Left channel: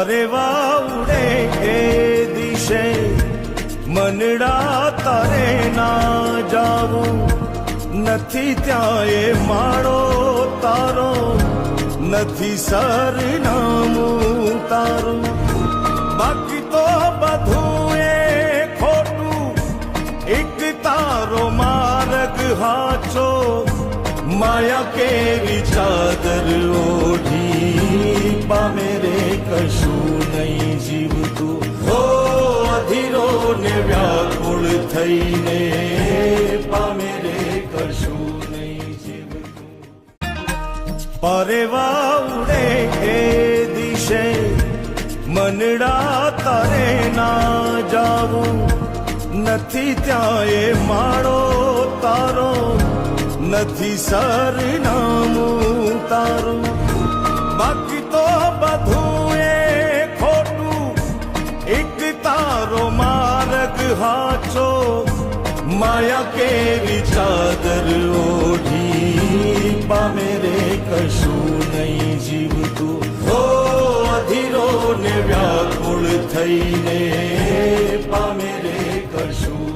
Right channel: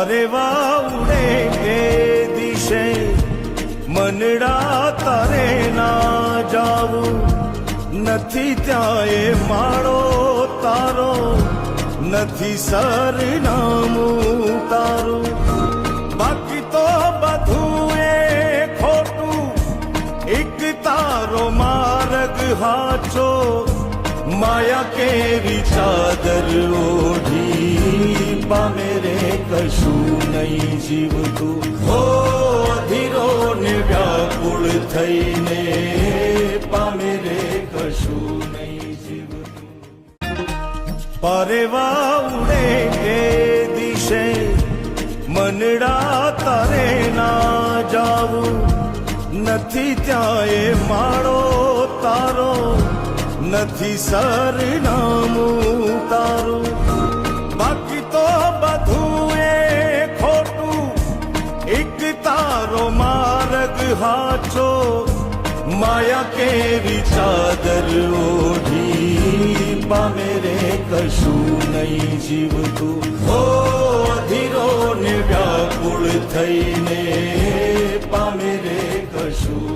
પારે વાઉરે એ દિશે મનડા તારે ના જાવું નથી ત્યાં એ માળો તારો નથી સરનામું તારું બાકી તો બધું એ ખોટું એક તારો માર્ગ હાચો માયા કેવી ચાદર ઓઢી પામે રે કશું નહીં જીવતું હો અધીરો ને વ્યાકુળ થઈને પામે રે કશું નહીં જીવતું પારે વાઉરે એ દિશે મનડા તારે ના જાવું નથી ત્યાં એ માળો તારો નથી સરનામું તારું બાકી તો બધું એ ખોટું એક તારો માર્ગ હાચો માયા કેવી ચાદર ઓઢી પામે રે કશું નહીં જીવતું હો અધીરો ને વ્યાકુળ થઈને પામે રે કશું